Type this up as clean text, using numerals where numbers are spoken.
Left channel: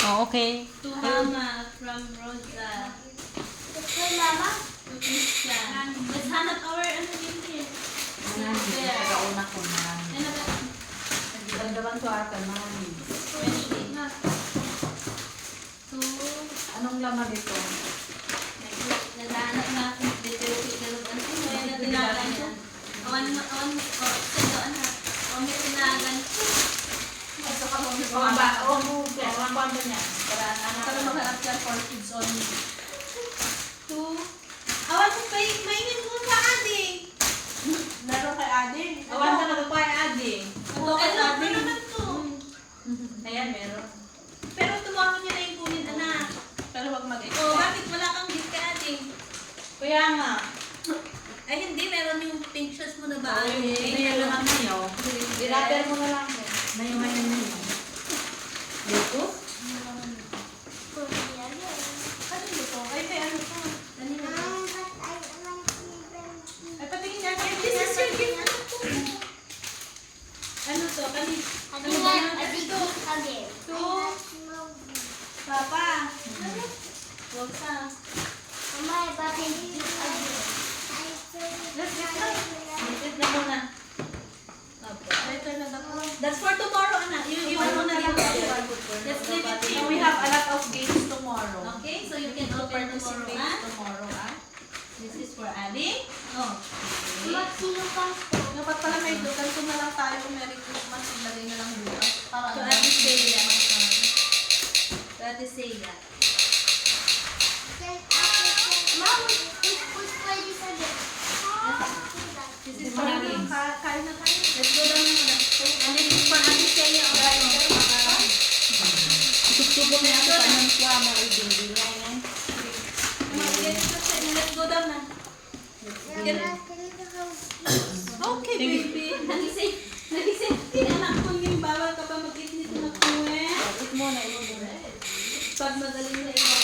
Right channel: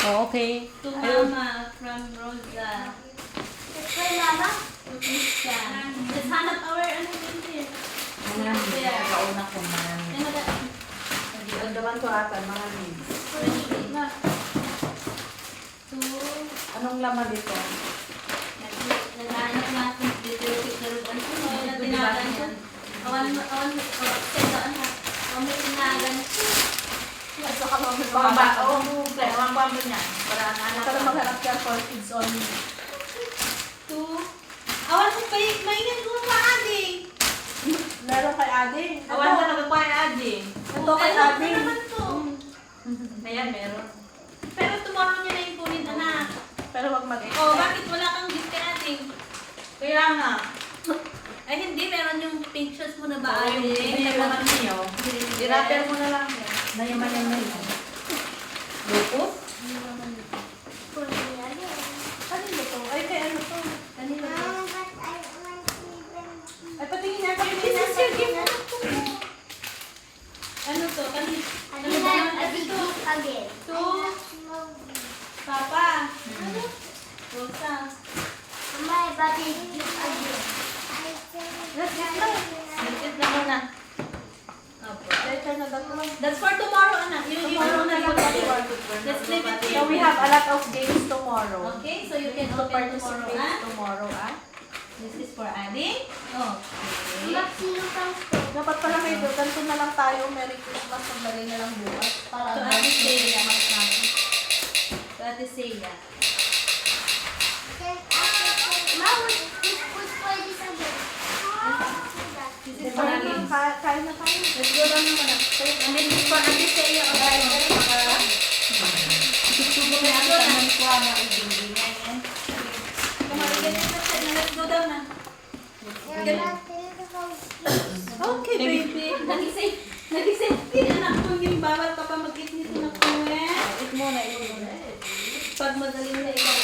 Oh, okay. To Mama from Rosa. Kay Mama? To Christian. Let's hanap our ano din here. Una ko man. Ano ba? Nagdawan ko ata, mga leaves. Especially na. To Anong laman dito? naghahanap natin dito yung darugan ko. Ngayon na tinagan ko. Awan mo, sendaan ha. Awan mo tinagan ko. Pambamba niya. Para anak Para maghanap ka for kids only. To awan mo maingat ko pa ading. Laro kay Ate. Awan ka nagkuha ni Adi. Ito kay ading. Naman to. Ayan, meron. Pero tomorrow niya na yung kunin anak. Pero wag mag-expect. Oh, bakit wala kang gift kay ading? Kaya nga. Ay hindi, meron yung pictures mo na ba Yung ading? naman niyo. I-wrapper mo na lang. Nayaman yan na yun. Lupos? Ano to? Ay, kay ano to? Kanina. Ay, patingin niya. Patingin niya. Patingin niya. Ano to? Kanina. Ano ba naman to? To Papa. Ano? Rosa. Ligpit na muna. Opo. Later na daw. That's for tomorrow, anak. Yung ano na lang. Let's leave it So here. we have a lot of games tomorrow. Okay, so you can To open tomorrow, participate ah? tomorrow, ah. This is for adding. Oh, okay. Dapat pala kayo doon. Ganito na lang tayo. Merry Christmas. Pagdali na lang bukas. Para To Ate Celia. To Ate Celia. This is for Kain kids. kain na tayo. Let's go down na muna. And then this is for Ate Celia. Tutubok na ako sa nang kuha na ibindi niya yan. Let's go down na. Okay, baby. Nagising. Anak ko yung bawal ka pa mag-eat nito na kuwe. Eat mo na yun. Pag madaling na ikaw